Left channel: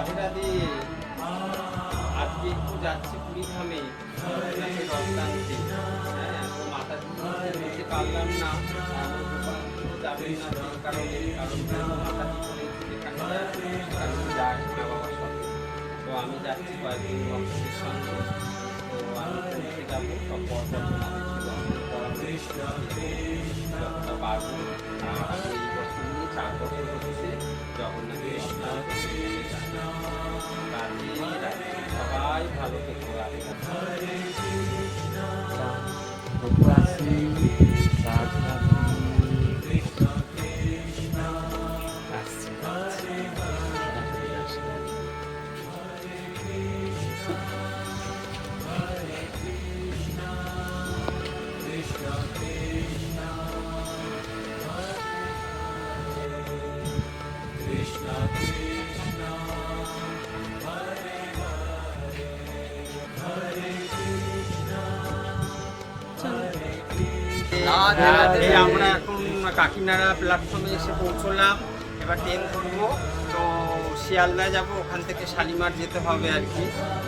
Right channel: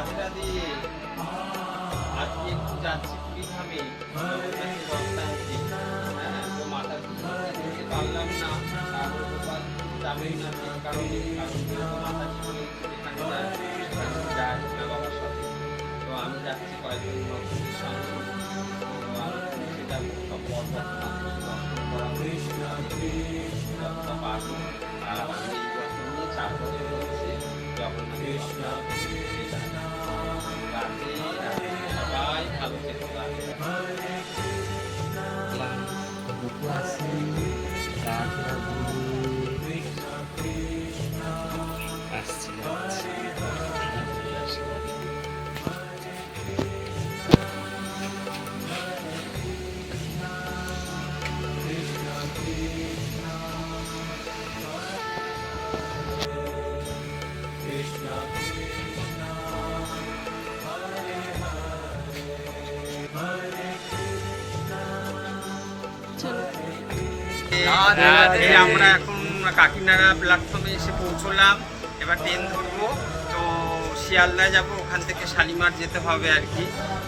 রাধে রাধে। আজকে একটু যাচ্ছি কুড়িগ্রামে জগন্নাথের রথটা নিতে। হ্যাঁ, তো মাতা যেতে পারলাম না। আমার গোপাল যাবেন না সেই কারণে, কারণ যেহেতু মাতাজি বলেছি যেখানে যায় সেখানে যাই মা বাবার সাথে। তো আমি যাচ্ছি কয়েকজন বংশের সঙ্গে। তো আমি পৌঁছে যাবো, সব পর্বত মাদেরকে দর্শন করাবো যতটা পারবো। আর আমি এই বছর নিয়ে 4 বছর হচ্ছে জগন্নাথের রথটা নিতে যাই। রাধে রাধে, সবাই ভালো থেকো। রাধে রাধে। আমরা এখন কাকিনাড়া প্ল্যাটফর্মে এসে পৌঁছলাম। এবার ট্রেন ধরবো, তো শিয়ালদায় যাব, ওখান থেকে শালিমার যেতে হবে আর কি।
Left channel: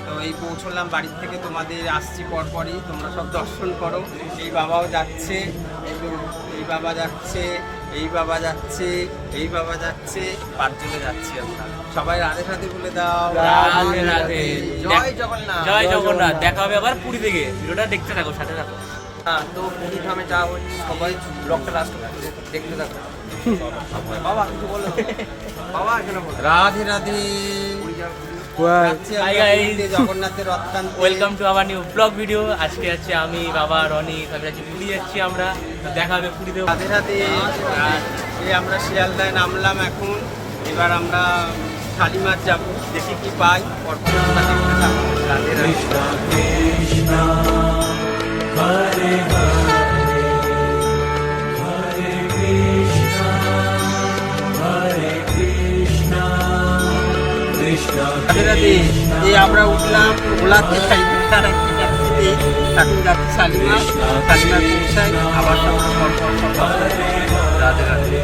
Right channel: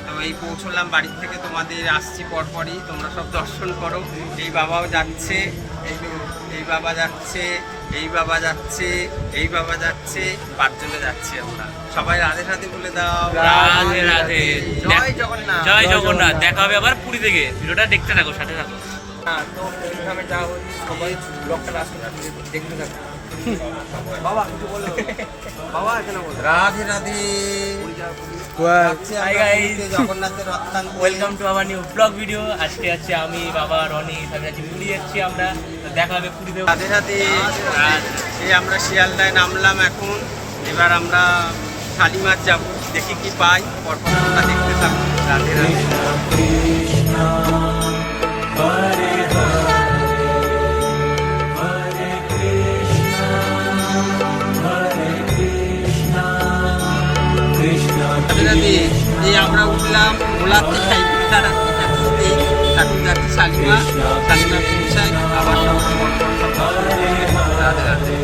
তো এই পৌঁছলাম বাড়ির থেকে, তোমাদের আসছি পরপরই, তোমরা সব দর্শন করো। এই বাবাও যাচ্ছে, এই বাবা যাচ্ছে, এই বাবা যাচ্ছে, এই বাবা যাচ্ছে, 5 জনে যাচ্ছি আমরা। সবাই রাধে রাধে বলে দাও। রাধে রাধে। জয় জগন্নাথ। জয় জগন্নাথ। দেখা হবে আবার পুরী থেকে। ভিডিওটা দেখতে থাকো, সাথে থাকো। হ্যাঁ, তো কুড়িগ্রামে যাওয়া হচ্ছে, সবাই ব্লগটা লাস্ট দেখতে থাকো। বাবা কিছু বলো। বাবা এখানে বলো। রাধে রাধে। Hi guys, জগন্নাথের রথকান্ত। Welcome to our new blog video. আজকে যাচ্ছি আমি, বাবা, রনিত, আমি যাচ্ছি পুরী যাচ্ছি আমরা। তো দেখা হবে পুরীতে। রাধে রাধে। এই আমরা শিয়ালদায় নামলাম এখন। এবার আমরা শালিমার যাব, দেখি কি পাই, পরপর তোমরা দেখতে থাকো। রাধে রাধে। রাধে রাধে। এই আমরা উঠলাম ওলাতে, এখন যাচ্ছি শালিমা। শালিমায় পৌঁছাই, আবার সব পরপর সব দর্শন করতে। রাধে রাধে।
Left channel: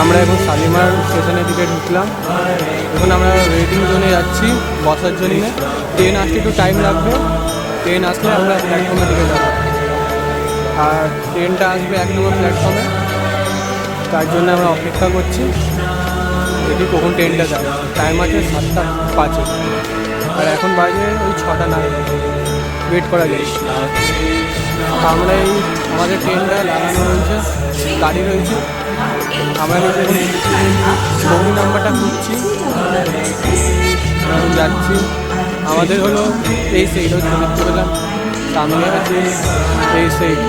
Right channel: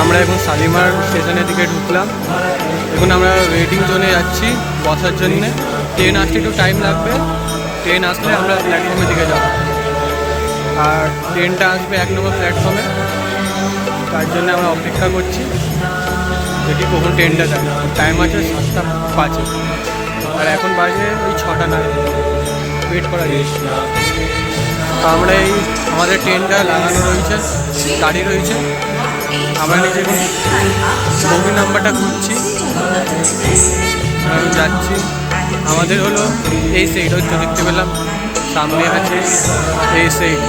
আমরা এখন শালিমার স্টেশনের দিকে ঢুকলাম। এখন আমরা ওয়েটিং জোনে যাচ্ছি বসার জন্যে। ট্রেন আসতে একটু টাইম লাগবে, ট্রেন আসলে আমরা প্ল্যাটফর্মের দিকে যাব। আর ট্রেনটা আসবে 1 নম্বর প্ল্যাটফর্মে, তার জন্য আমরা অপেক্ষা করছি, দেখি কখন ট্রেনটা যায়। টাইম আছে 7:05, আর এখন বাজে ওই 6টা নাগাদ। ওয়েট করা যায়। আমরা এই আমাদের ট্রেনটা লাগানো রয়েছে, গাড়ি রয়েছে। আমরা নিজে এখন বগি নাম্বারটা খুঁজছি, এখন যাচ্ছি। আমাদের হলো এই সাইড, হয়তো দেখতে পেলাম সামনে আছে এই সাইড।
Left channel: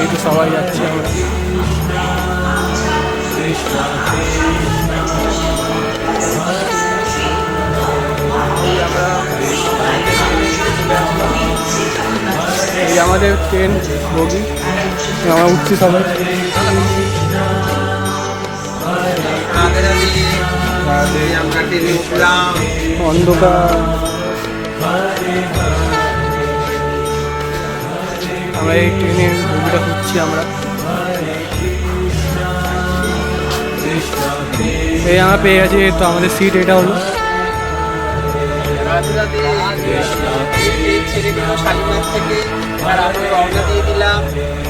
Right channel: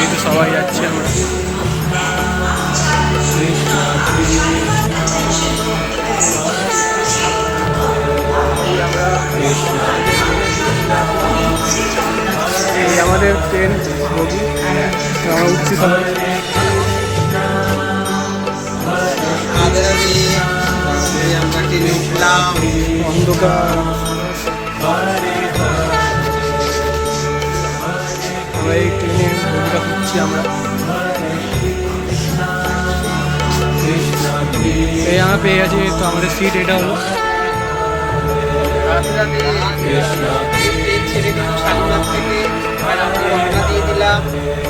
এই তো সবাই যাচ্ছি আমরা। এই আমাদের ট্রেন বগি, আমরা উঠছি সবাই। রাধে রাধে। আমরা ট্রেনে উঠলাম। অন্ধকার, আমরা এই ট্রেনের বগিটা খুঁজছি আমরা। এই আমরা পেয়ে গেছি, তো আমাদের সিট এটা হলো। রাধে রাধে। এই ছেড়ে দিল শালিমার থেকে, আর আমরা রওনা দিয়ে দিলাম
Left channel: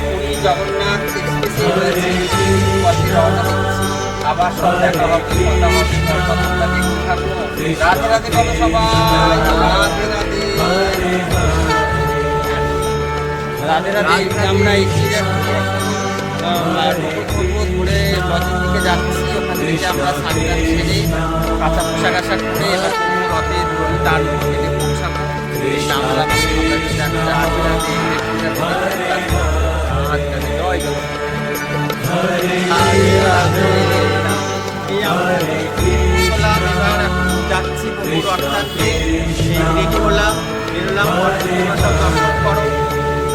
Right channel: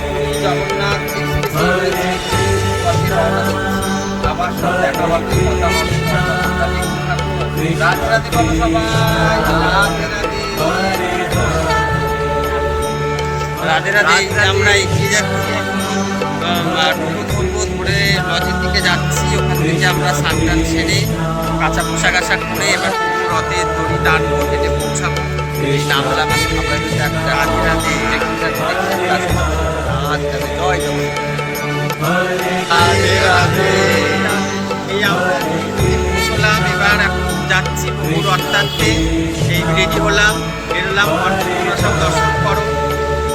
পুরী জগন্নাথ এক্সপ্রেসে রয়েছে, পথে রওনা দিচ্ছি। আবার সব দেখা হবে, কথা হবে, তোমরা দেখতে থাকো। রাধে রাধে বলো সবাই। রাধে রাধে। রাধে রাধে। আমরা এগিয়ে যাচ্ছি এখন, টোটো ধরবো, ধরে লজের দিকে যাচ্ছি। ওখান থেকে আমরা স্নান সেরে কাঁচা পোশাক আশাক করে এবার প্রভু রথের দড়ি টানবো, হেঁটে পৌঁছাবো। এই নামলাম আমরা যদি একটা। রাধে রাধে। দেখতে থাকো, দেখতে থাকো। রাধে রাধে। জয় জগন্নাথ। রাধে রাধে। এই আমরা পৌঁছলাম, এবার এখন যাচ্ছি প্রভুর রথটানতে। এই রেডি হলাম, বেরোলাম। তোমরা সব দর্শন করো,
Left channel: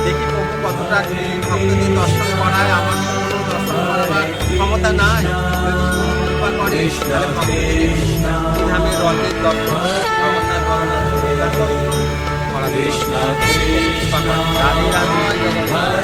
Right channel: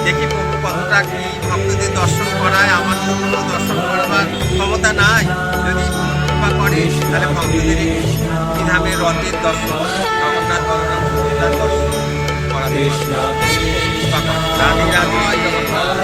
দেখি প্রভু কতটা কি ভক্তদের দর্শন করায়। আমার তো কোনো দর্শন করাবার ক্ষমতা নাই, যদি কৃপা করে তাহলে ভক্তদের একটু ধামের রথের দর্শন, জগন্নাথ বলরাম সুভদ্রার দর্শন করাতে কৃপা করে। রাধে রাধে। জগন্নাথ।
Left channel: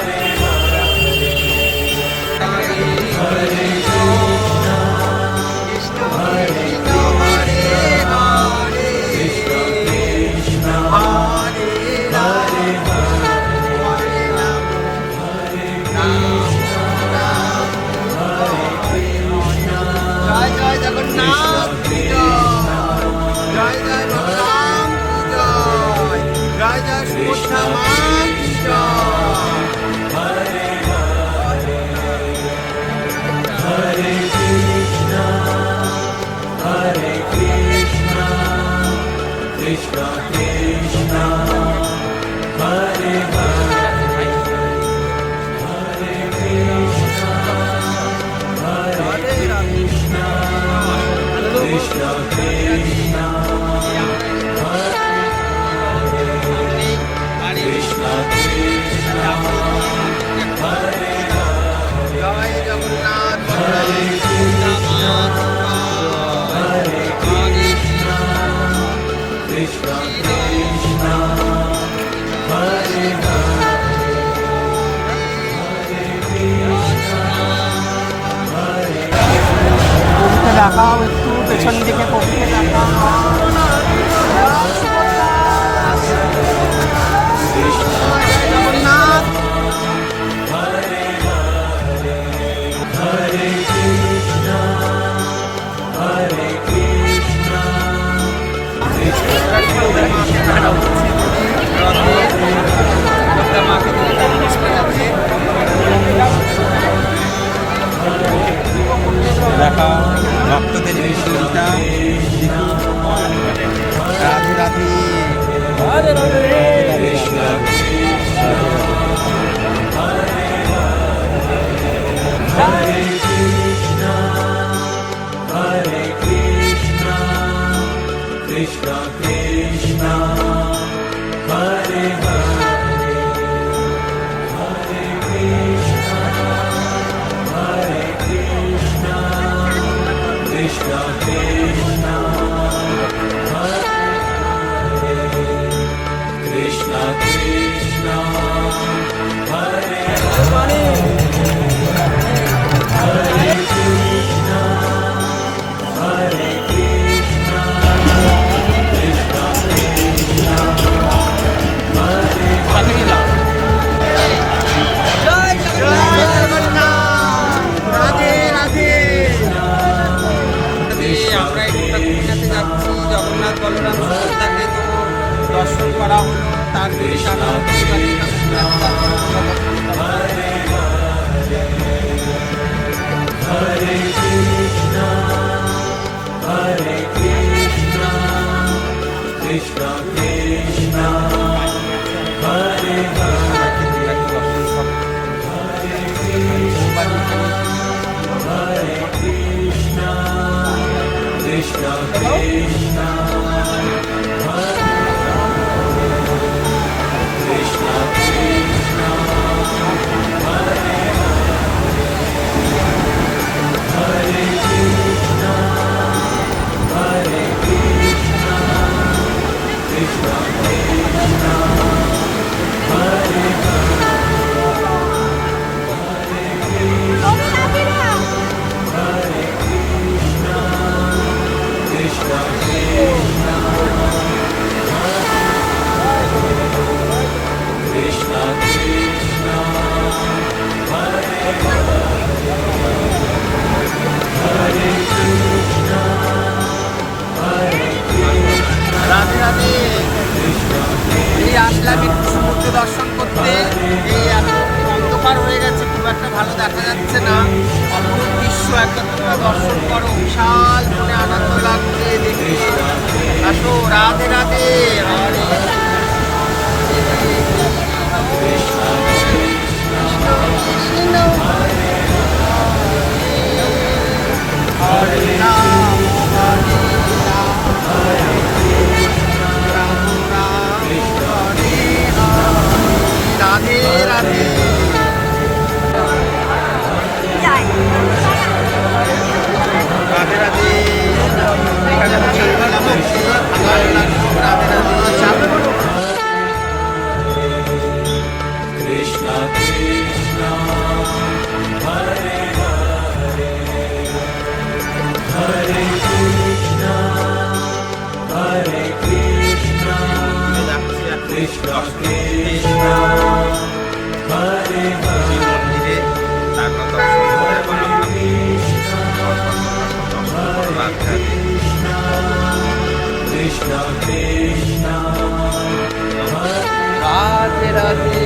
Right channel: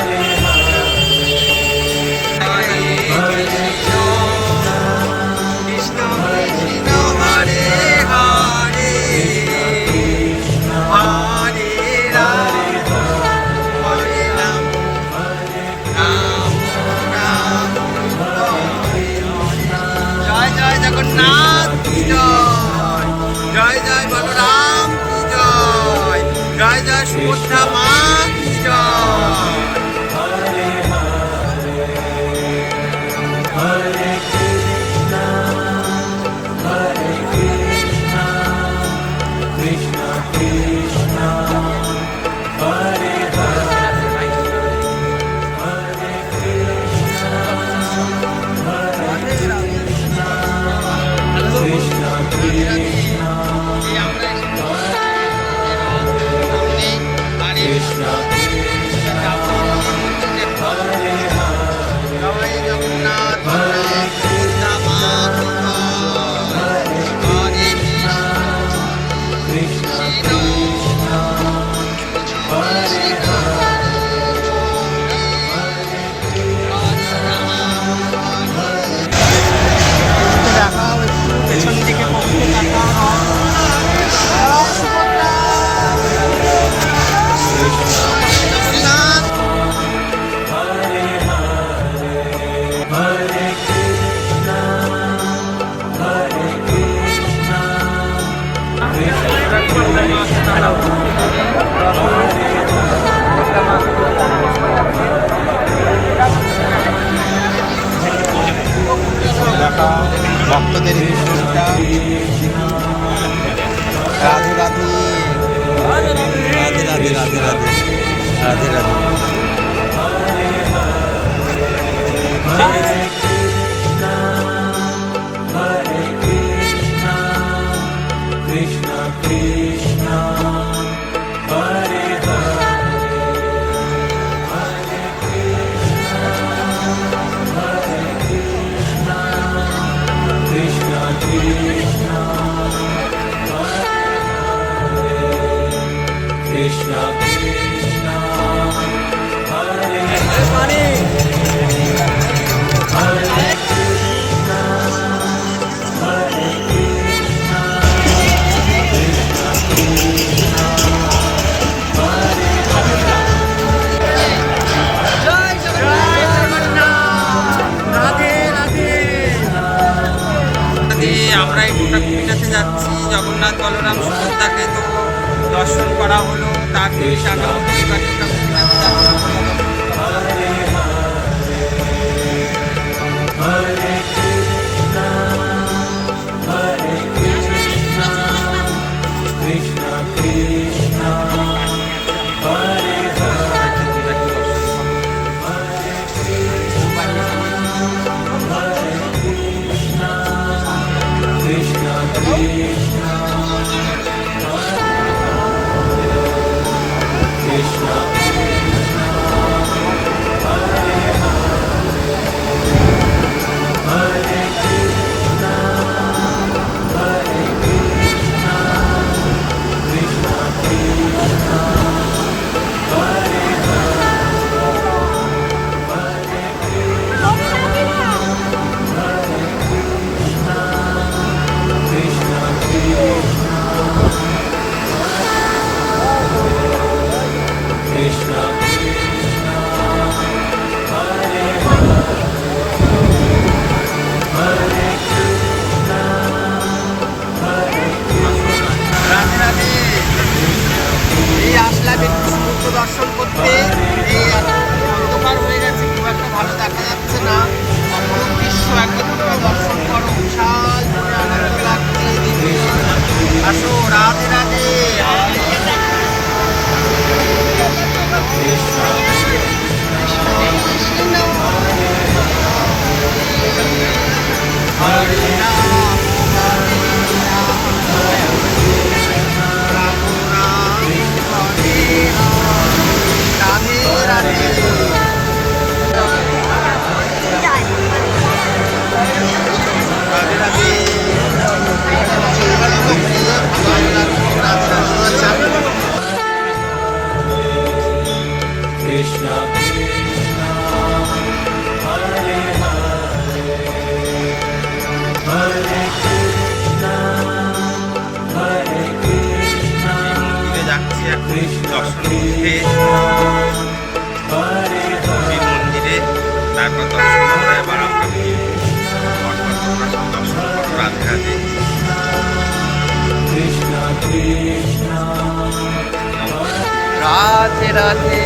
প্রভুকে দেখাও একটু, পেছন দিকে প্রভুকে দেখাও। দেখা ভক্তদের ভিডিওটা দেখি। রাধে রাধে রাধে রাধে রাধে রাধে রাধে রাধে রাধে। আমরা এই গোটাকুটিটাতে যাচ্ছি, জগন্নাথ বলরাম সুভদ্রাকে তো দর্শন করা হলো, তার যদি টানা হতো এবার গোটাকুটিটাতে যাচ্ছি। এই আসলাম একটু সমুদ্র দর্শন করতে। এই এখন অন্ধকার হয়ে গেছে, খুব একটা ভালো দেখা যাচ্ছে না। অপরূপ দৃশ্য একবার তোমরা দর্শন করো, বিশাল মনে আনন্দ লাগছে দেখে। আসো, রাধে রাধে। হরে রাম রাধে রাধে। রাধে রাধে। এখানে বসে ভালো লাগলো। রাধে রাধে। মন্দিরে যাচ্ছি এখন দর্শন করতে। মন্দিরে তারপর দর্শন করে এবার আমরা তারপর তোমরা সব দর্শন করো। রাধে রাধে। রাধে রাধে।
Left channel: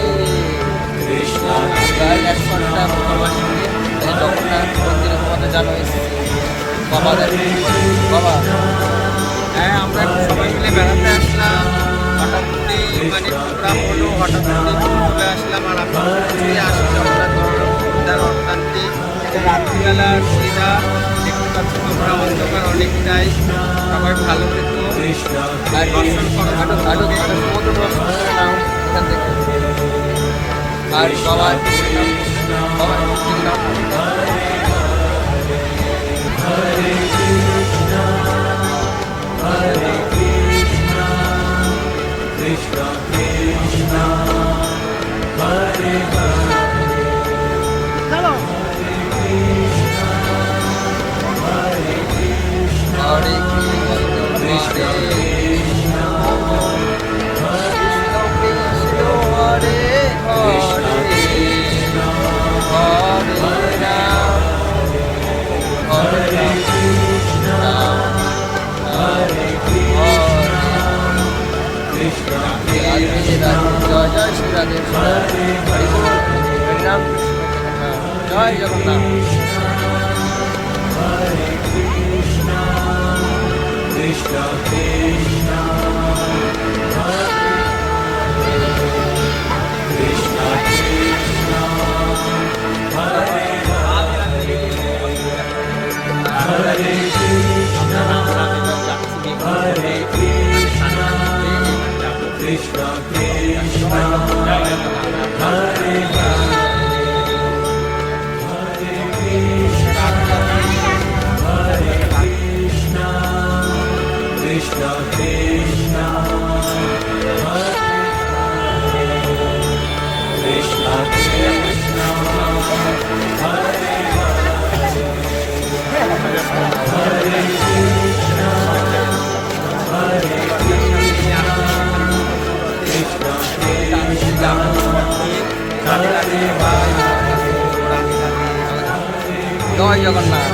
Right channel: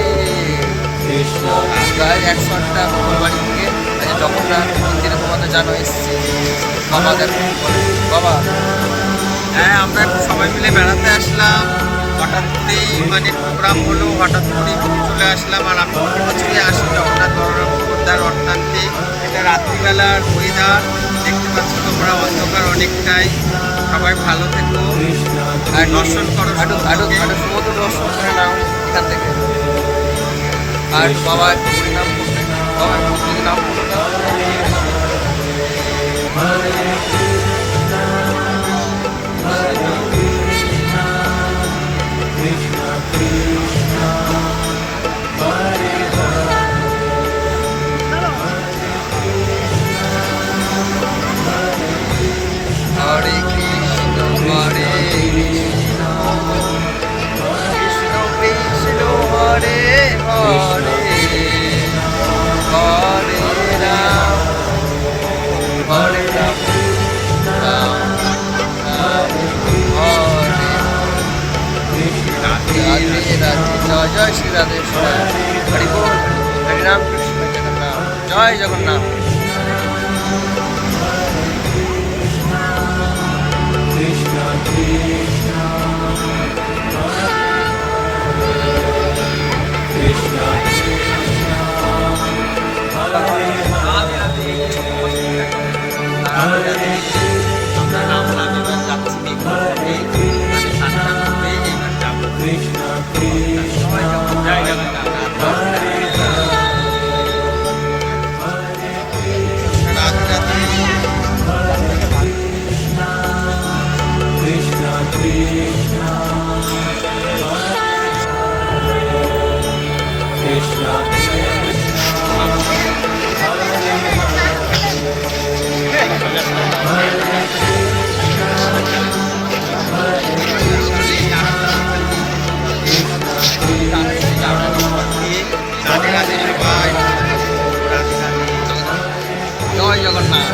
প্রায় 1 ঘন্টা তোমার বাড়ি থেকে জগন্নাথ মন্দিরে তোমাদের জানো এসেছি। বাবা দেখো বাবা। হ্যাঁ, আমরা একটু সবাই মিলে বেড়াতে আসলাম। হঠাৎ করে মানে প্রোগ্রাম হলো, হঠাৎ করে চলে আসলাম। আর আমি প্রতি বছরই আসি জগন্নাথ বলরাম সুভদ্রার অর্থান্তে। এটা রাত্রিবেলার ওয়েদার দেখতে পাচ্ছ তোমরা, অন্ধকার অনেকটাই। সবাই ভালো থেকো আর দর্শন করো। সমুদ্র দর্শন করে নাও এখান থেকে। আর বাবা একটু নাম বাবা একটু নাম রাধে রাধে, জয় জয় শ্রী রাধে হরি বল, হরি রাম কৃষ্ণ জগন্নাথ, জয় জগন্নাথ। জয় জগন্নাথ।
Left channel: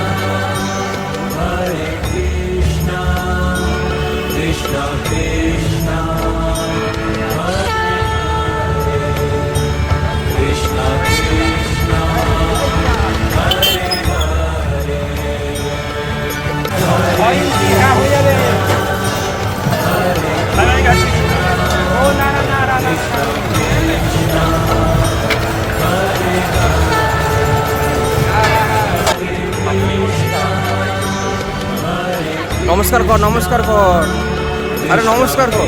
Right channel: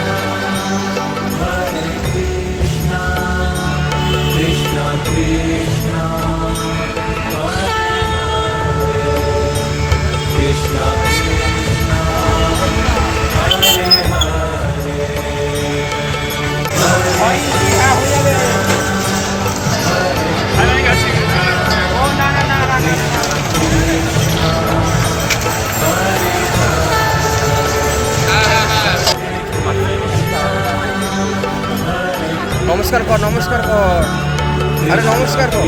নমস্কার কর, নমস্কার কর, আরে নমস্কার কর।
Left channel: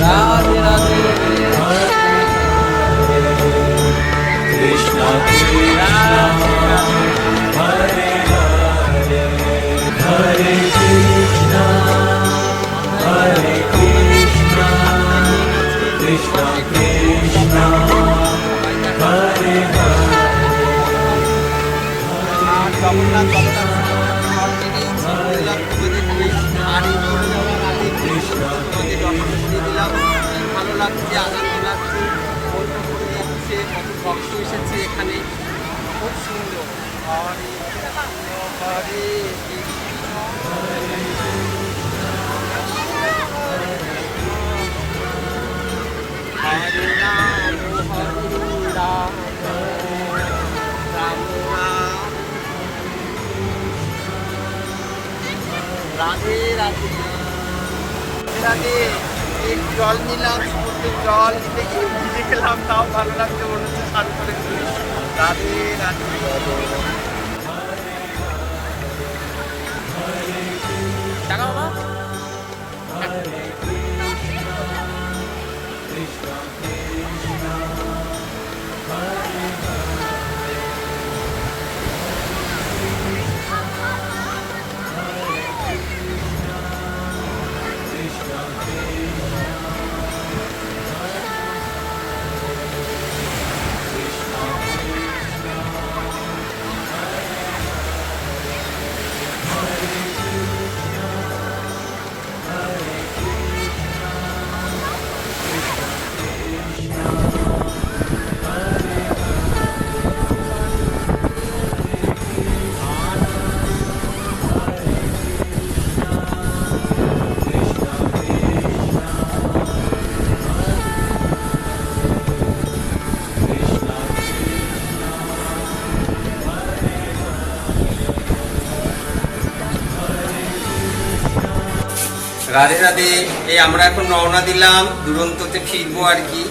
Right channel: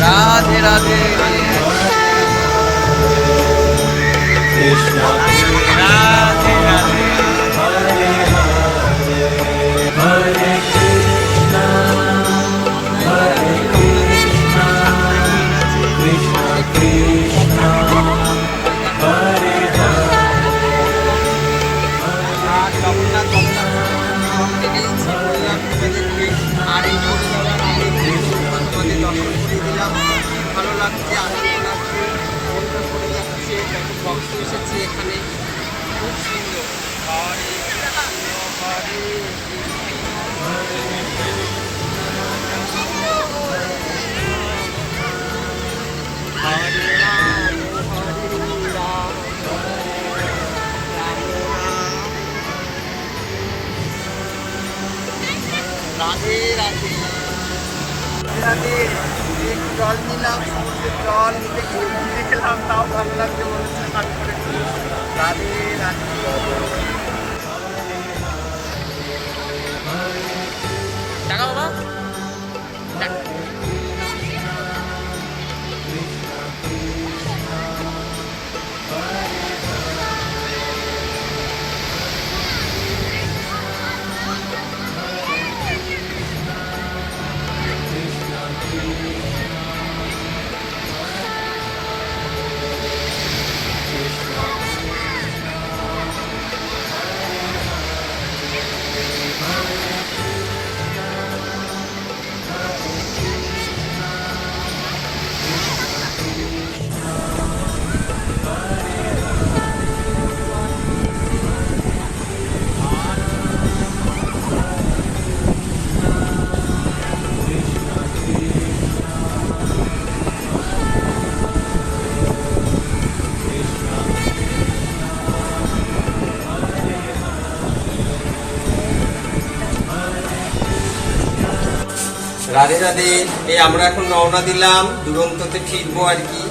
রাধে রাধে, রাধে রাধে। জগন্নাথ জগন্নাথ সব থেকেই তোমাদের নিয়ে, আর এই করে যাওয়ার আগে তোমাদের দর্শন করিয়ে দিলাম। ভালো লাগছে, আনন্দ লাগছে, বন্ধু করে যাচ্ছে, কত ভক্ত এসেছে এখানে, খুব সুন্দর। হরে হরে হরে রাম হরে রাম, রাম রাম। রাধে রাধে রাধে। একটু জল নিলাম, সমুদ্রের জল নিতে গিয়ে ভিজে খেলাম, তাও ভালো লাগছে, মনে হচ্ছে স্নান করেছি। রাধে রাধে। টাকা বাবা, রাধে রাধে। এই আমরা এখন রওনা দিলাম, দুরন্ততে ফিরবো আর কি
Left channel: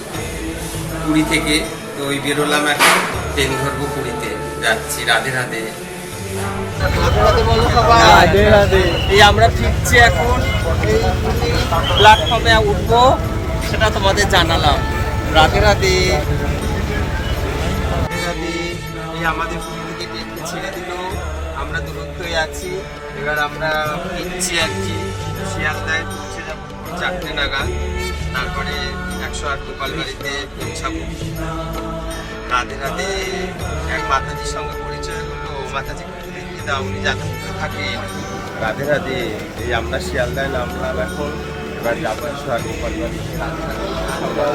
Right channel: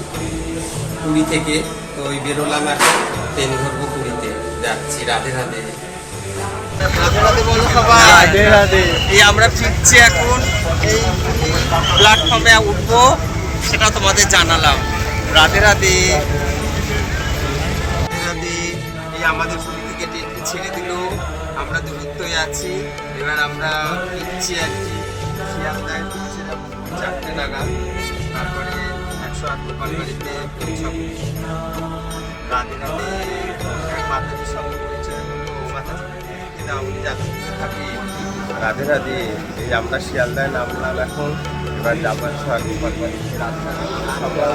পুরী থেকে। তো ওই বেরোলাম, এখন ট্রেন ধরবো, পুরীতে যাচ্ছি। রাধে রাধে। রাধে রাধে বলো সবাই। রাধে রাধে। এই আমরা ফিরছি এখন, এই প্ল্যাটফর্মে উঠবো, সেটা তোমাদের জানালাম। রাধে রাধে। রাধে রাধে। এই আমাদের পুরী থেকে ট্রেনকে ছেড়ে দিল, আমরা দূরত্বই আছি। এবার আমরা ফিরছি আর কি, শিয়ালদায় পৌঁছে যাবো 4টে নাগাদ, তারপরে 108 গোপালবাড়িতে পৌঁছাবো। রাধে রাধে। এক মাতাজির সঙ্গে পরিচয় হলো, মাতাজিকে দাও, উনি যাদবপুরে থাকেন। রাধে রাধে। এই আমরা শিয়ালদায় নামলাম এখন, এবার যাবো 108 গোপালবাড়িতে। রাধে রাধে সবাই।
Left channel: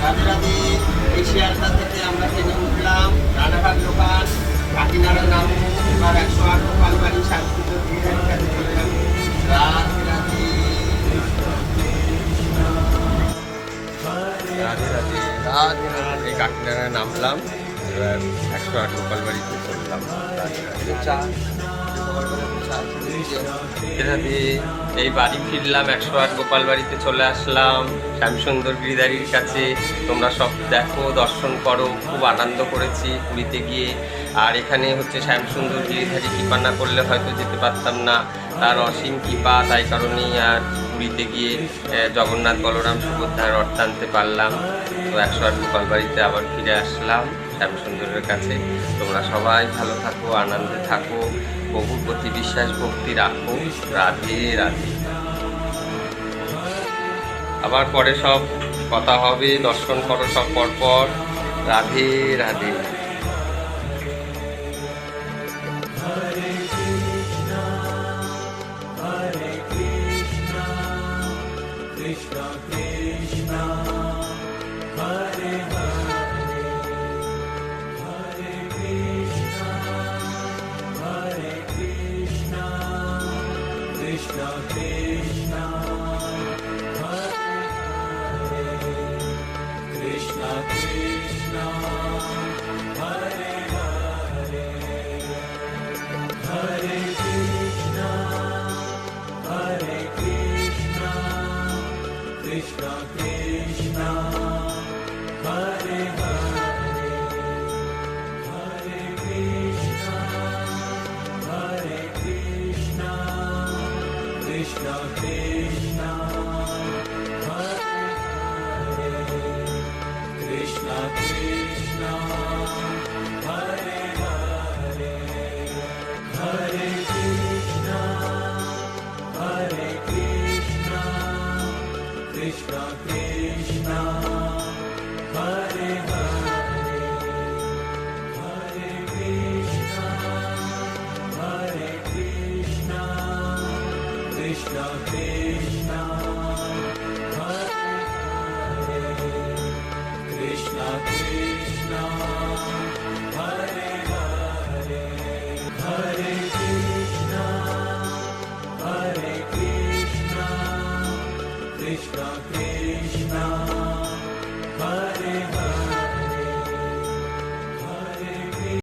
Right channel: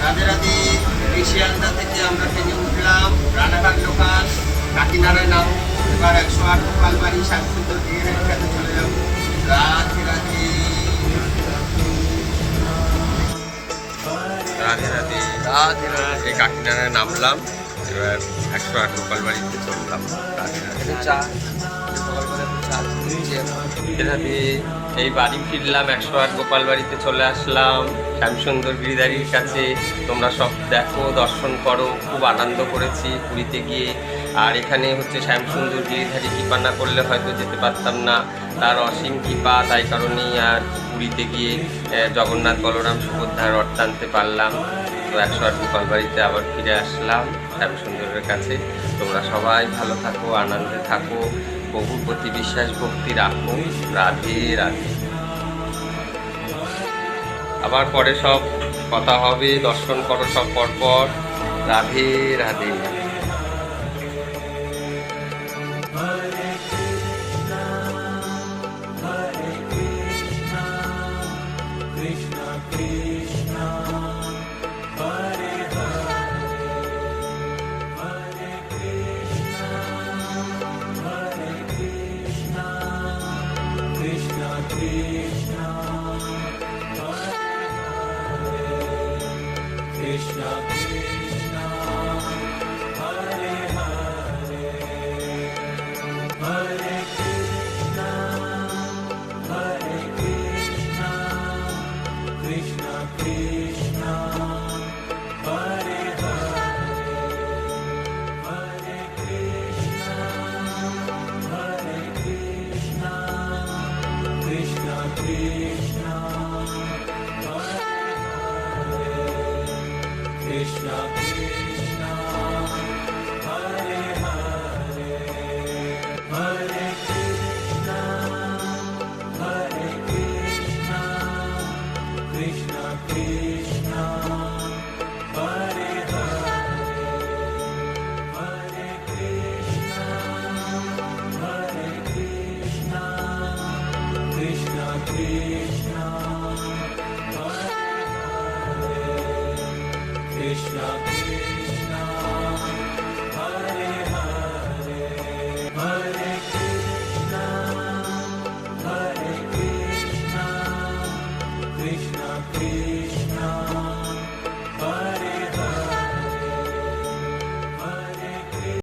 রাধে রাধে। এই শিয়ালদা থেকে আমরা ট্রেনে উঠলাম, রানাঘাট লোকাল, কাকিনাড়ায় নামবো। এবার 108 গোপালবাড়ি শান্তিপুর দিয়ে কাছে চলে যাবো। রাধে রাধে। রাধে রাধে। রাধে রাধে। এই কাকিনাড়ায় নামলাম, এবার 108 গোপালবাড়িতে চললাম। রাধে রাধে। রাধে। এই বাড়ি ফিরলাম, 108 গোপালবাড়িতে চলে আসলাম, শ্যামসুন্দর গিরিধারীর কাছে। তোমরা সব দেখো, দর্শন করো। খুব আনন্দ করেছি পুরীতে গিয়ে। আর এখানে হচ্ছে শ্যামসুন্দর গিরিধারী কৃপা না করলে হয়তো যেতে পারতাম না, তার অসীম কৃপা। তাই কারণেই আর পুরীতে গিয়ে জগন্নাথ বলরাম সুভদ্রার রথ টানতে পারলাম। তো 108 গোপালবাড়িতে আবার ফিরে আসলাম শ্যামসুন্দরের কাছে। তোমরা সবাই ভালো থাকো, আনন্দে থাকো, প্রভুর প্রতি বিশ্বাস ভক্তি রাখো। রাধে রাধে। আবার পরে সব কথা হবে, দর্শন করো সব পরপর। রাধে রাধে। Krishna